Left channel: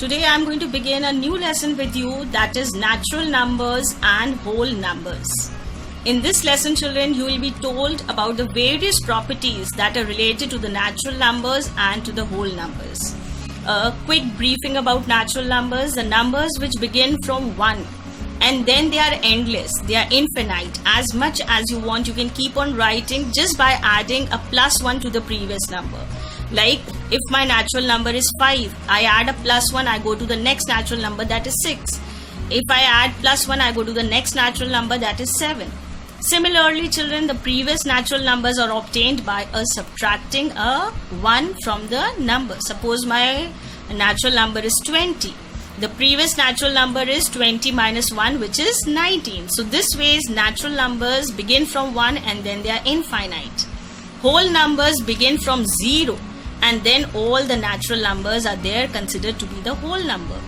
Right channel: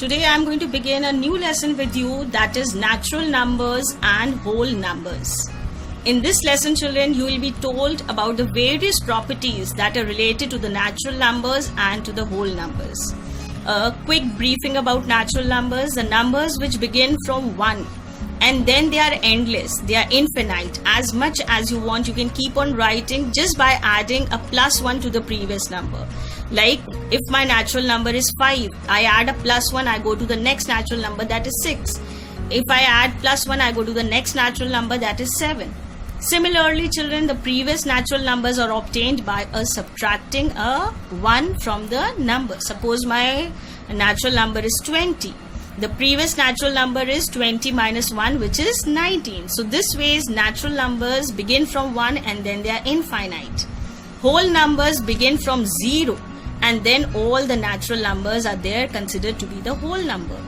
Today I am going to begin a new lesson with you, that is natural numbers and whole numbers. In this lesson, children, you will be told about the various properties that are related to the natural numbers and to the whole numbers. A quick briefing about natural numbers: the numbers which begin from 1 and then they are endless, they are infinite. As much as you want, you can keep on writing just by adding a +1 to the previous number. Like if my natural number is 5, I add a +1, I go to the next natural number, that is 6. If I add +1, I go to the next natural number, that is 7. Similarly, children, the previous natural numbers are obtained by subtracting a 1 from the number. Suppose my natural number is 20. The previous natural number is 20 minus 1, which is 19. So this way, natural numbers begin from 1 and then they are infinite. Whole numbers begin from 0 and then all the natural numbers are there considered to be the whole number.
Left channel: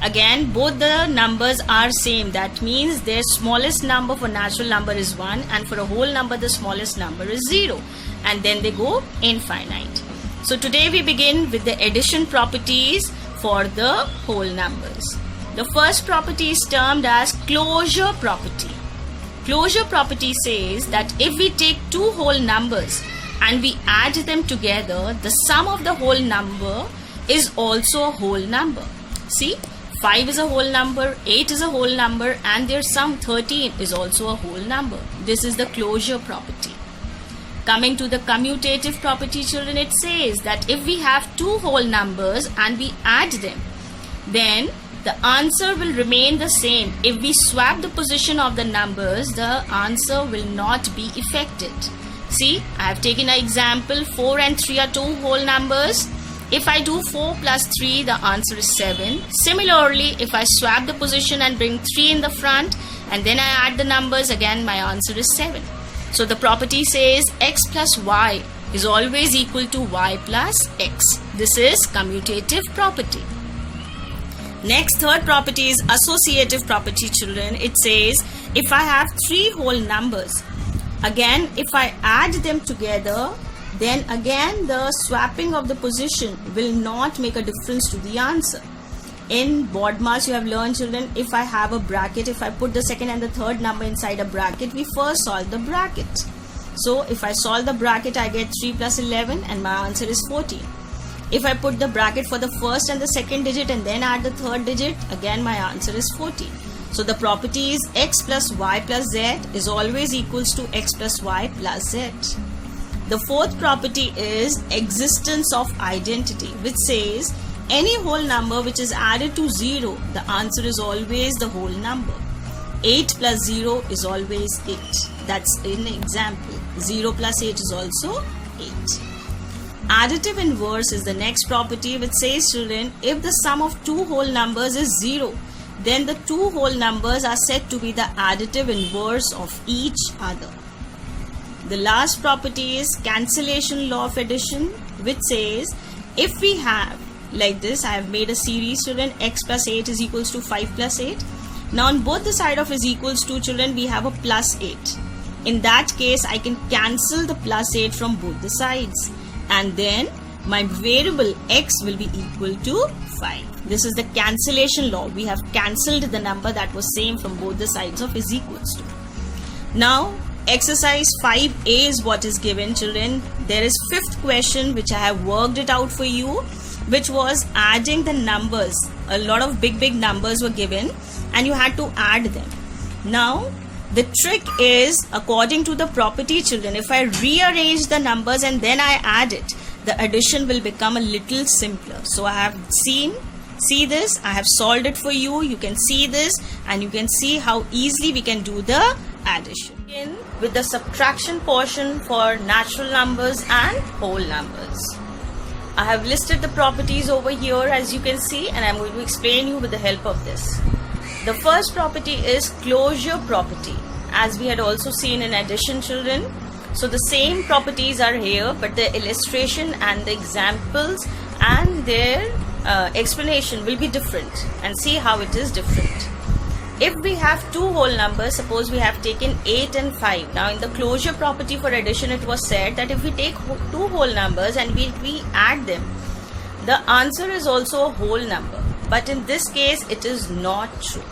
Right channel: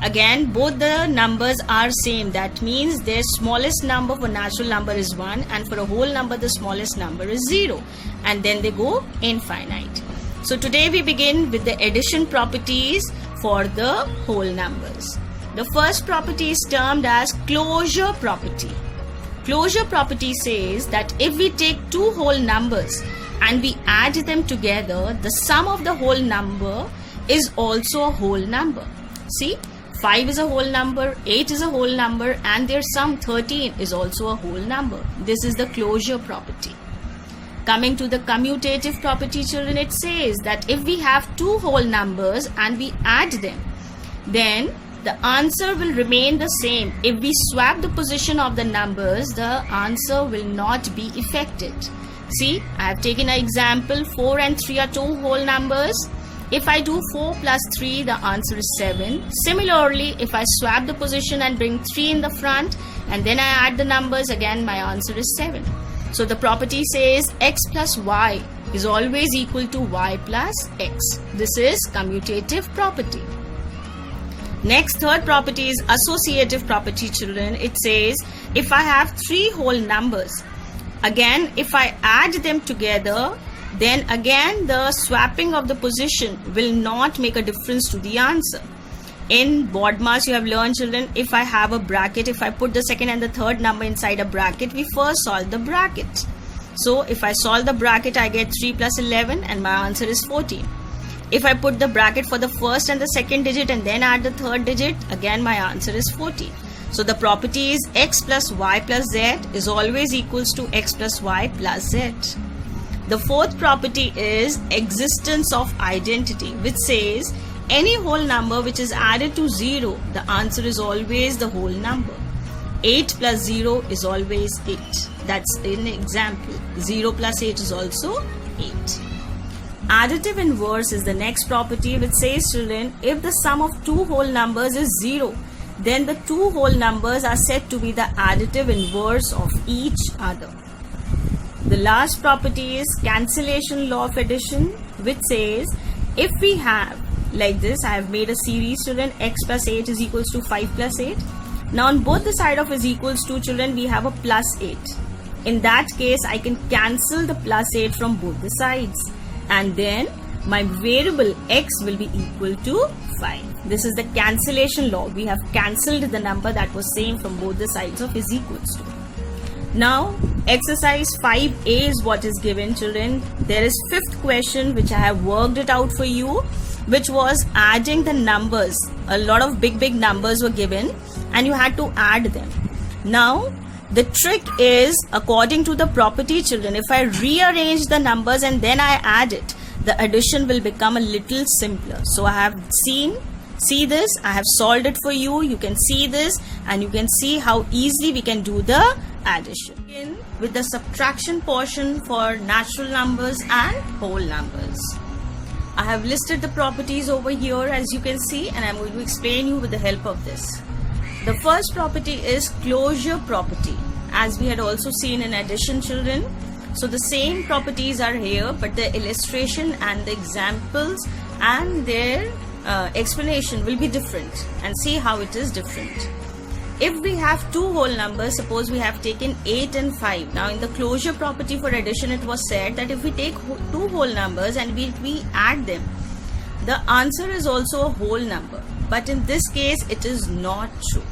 Again, both the numbers are same. That means their smallest number for natural number is 1 and for a whole number the smallest number is 0, and then they go infinite. So today we begin with the addition properties for the whole numbers. The first property is termed as closure property. Closure property says that if we take two whole numbers and we add them together, the sum of the whole number is also a whole number. See, 5 is a whole number, 8 is a whole number, and their sum 13 is also a whole number. This is the closure property. Coming to the commutative property, children, it says that if we have two whole numbers and we add them, then the answer will remain the same. If we swap the position of the numbers, the answer will not be affected. See, I have taken an example. 4 and 3 are two whole numbers. If I do 4 plus 3, the answer is 7. Similarly, if I swap the position and bring 3 in the front and then I add the numbers, again my answer is 7. So the property says x plus y is always equal to y plus x. This is commutative property. Next, third property is associative property, children. It says if I have three whole numbers, again if I add them together, then again the swapping of the position will not make a difference to the answer. In BODMAS you have learned, children, if I have a bracket, if I put the second and the third number inside a bracket, we first solve the bracket. So if I solve the bracket, I get 3 plus 11 and my answer is 14. If I put the bracket for the first and the second digit and then add the third digit, again my answer is 14. So the property is x plus y plus z is always equals to x plus y plus z. The fourth property is existence of identity, which says any whole number which is added to 0, the answer is always the whole number. 8 plus 0 is always 8. That's an example. 0 plus 8 is also 8. Additive inverse is the next property, which says, children, if the sum of two whole numbers is 0, then the two whole numbers are said to be the additive inverse of each other. The last property is cancellation law of addition, which says if we have like this, I have made a series, children, x plus 8 is equals to 5 plus 8. Now on both the side of is equals to, children, we have a plus 8. In that case, I can cancel the plus 8 from both the sides, and then my variable x will be equal to 5. This is the cancellation law. We have cancelled the number that was same from both the sides of is equals to. Now exercise 5a is what is given, children. There is fifth question which I have worked it out for you, which was adding the numbers. A lot of big numbers were given and you had to add them. Now the trick is, according to the property, children, if I rearrange the numbers and then I add it, the addition will become a little simpler. So I have see this, I have solved it for you. You can see this and you can see how easily we can do the addition. Begin with the subtraction portion for natural numbers and whole numbers. I have listed the properties over here, as you can see, and I am going to explain you with the help of this. The first property is closure property, as we had also seen in addition, children. So the same properties are here, but the illustration and the examples and their explanation will be different, and see how it is different. If we have two whole numbers, suppose we have taken 8 and 5. Now in the closure property for addition, it was said that if we take two whole numbers and we add them, the answer is also a whole number. but in this case it is not true.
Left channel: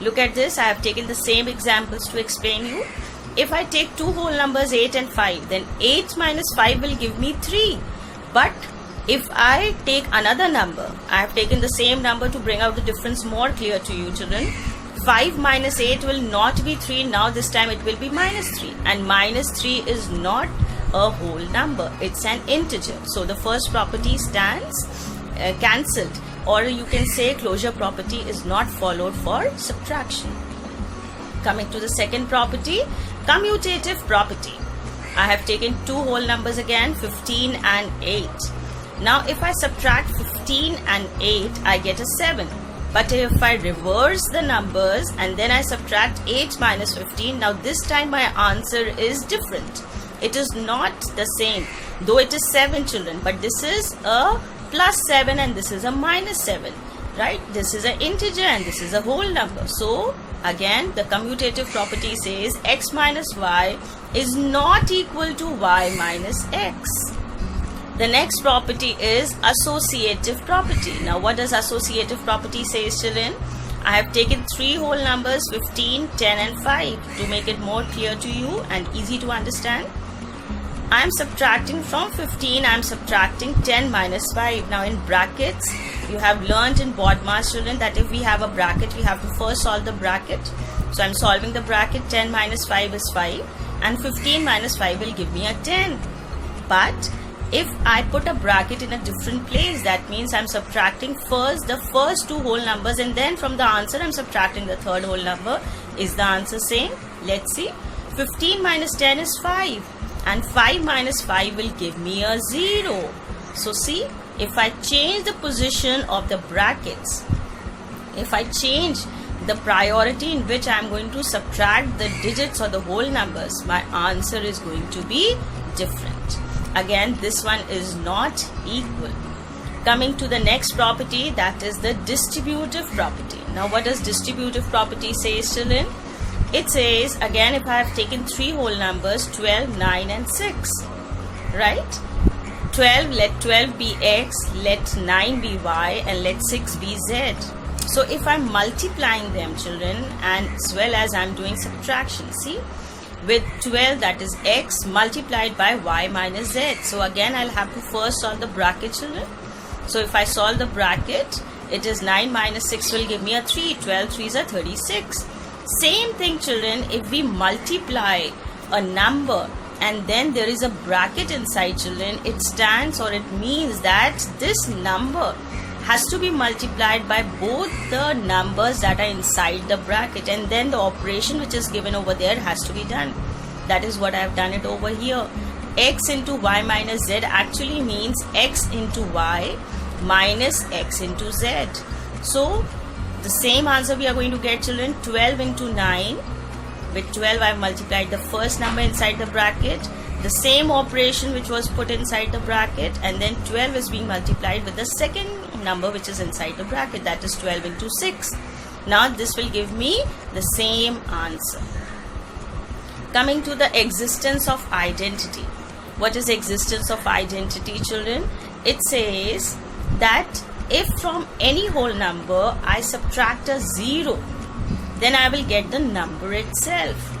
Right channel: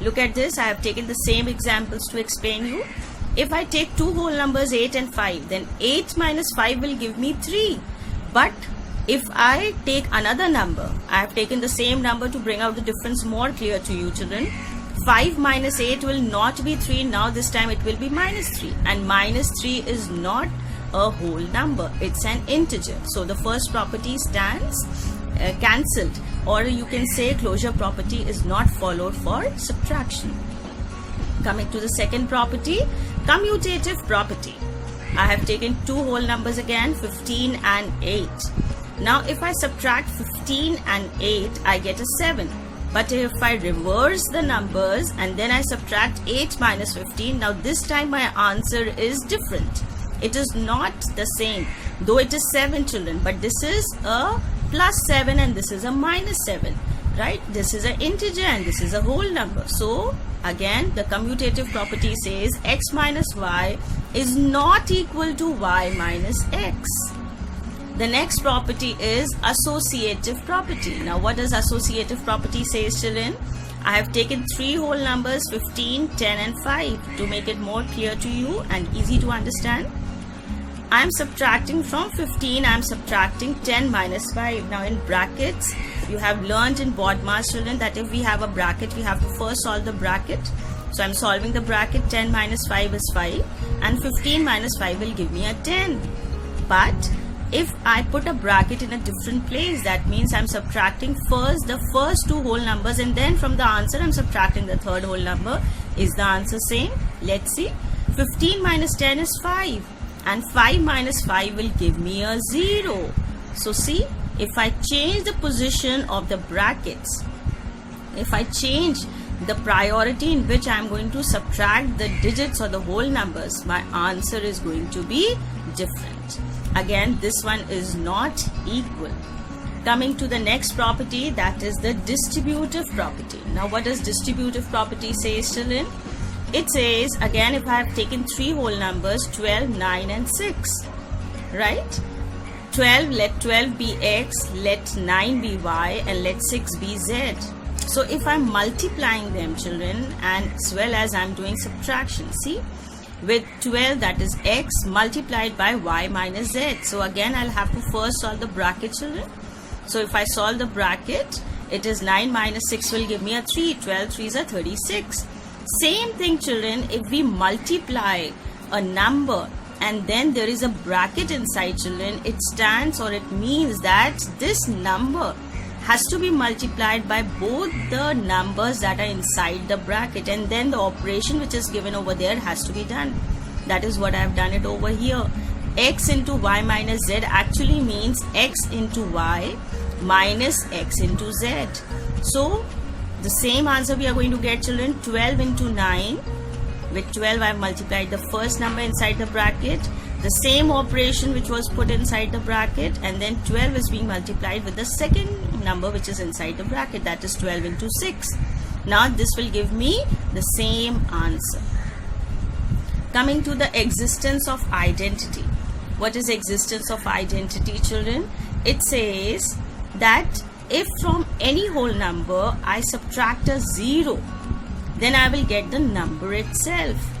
Look at this. I have taken the same examples to explain you. If I take two whole numbers 8 and 5, then 8 minus 5 will give me 3. But if I take another number, I have taken the same number to bring out the difference more clear to you children. 5 minus 8 will not be 3. Now this time it will be minus 3. And minus 3 is not a whole number. It's an integer. So the first property stands cancelled. Or you can say closure property is not followed for subtraction. Coming to the second property, commutative property. I have taken two whole numbers again, 15 and 8. Now if I subtract 15 and 8, I get a 7. But if I reverse the numbers and then I subtract 8 minus 15, now this time my answer is different. It is not the same. Though it is 7 children, but this is a plus 7 and this is a minus 7. Right? This is an integer and this is a whole number. So again, the commutative property says x minus y is not equal to y minus x. The next property is associative property. Now what does associative property say, children? I have taken three whole numbers 15, 10 and 5 to make it more clear to you and easy to understand. I am subtracting from 15, I am subtracting 10 minus 5. Now in brackets, you have learned in BODMAS children that if we have a bracket, we have to first solve the bracket. So I am solving the bracket. 10 minus 5 is 5 and 15 minus 5 will give me a 10. But if I put a bracket in a different place, that means I'm subtracting first the first two whole numbers and then from the answer I'm subtracting the third whole number. Is the answer same? Let's see. 15 minus 10 is 5 and 5 minus 5 will give me a 0. So see, if I change the position of the brackets, if I change the priority in which I am going to subtract the digits or the whole numbers, my answer is going to be different. Again, this one is not equal. Coming to the next property, that is the distributive property. Now what does distributive property say, children? It says, again, if I have taken three whole numbers 12, 9 and 6, right? 12, let 12 be x, let 9 be y and let 6 be z. So if I'm multiplying them, children, and as well as I'm doing subtraction, see? With 12, that is x multiplied by y minus z. So again, I'll have to first solve the bracket, children. So if I solve the bracket, it is 9 minus 6 will give me a 3. 12 3s are 36. Same thing, children, if we multiply a number and then there is a bracket inside, children, it stands or it means that this number has to be multiplied by both the numbers that are inside the bracket and then the operation which is given over there has to be done. That is what I have done it over here. X into y minus z actually means x into y minus x into z. So the same answer we are going to get, children. 12 into 9. With 12 I have multiplied the first number inside the bracket. The same operation which was put inside the bracket, and then 12 is being multiplied with the second number which is inside the bracket, that is 12 into 6. Now this will give me the same answer. Coming to the existence of identity. What is existence of identity, children? It says that if from any whole number I subtract a 0, then I will get the number itself.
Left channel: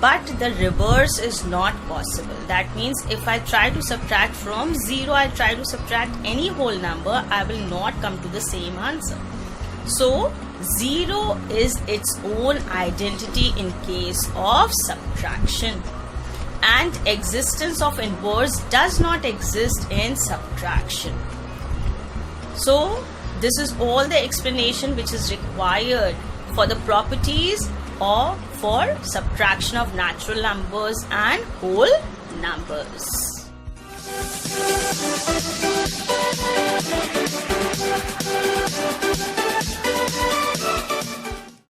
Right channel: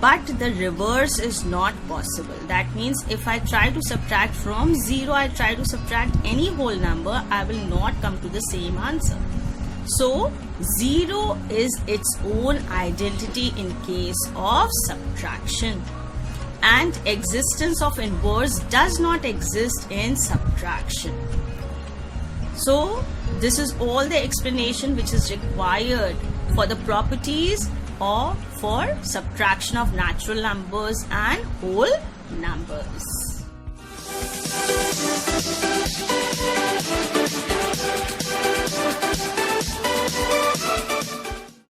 But the reverse is not possible. That means if I try to subtract from 0, I try to subtract any whole number, I will not come to the same answer. So 0 is its own identity in case of subtraction. And existence of inverse does not exist in subtraction. So this is all the explanation which is required for the properties or for subtraction of natural numbers and whole numbers.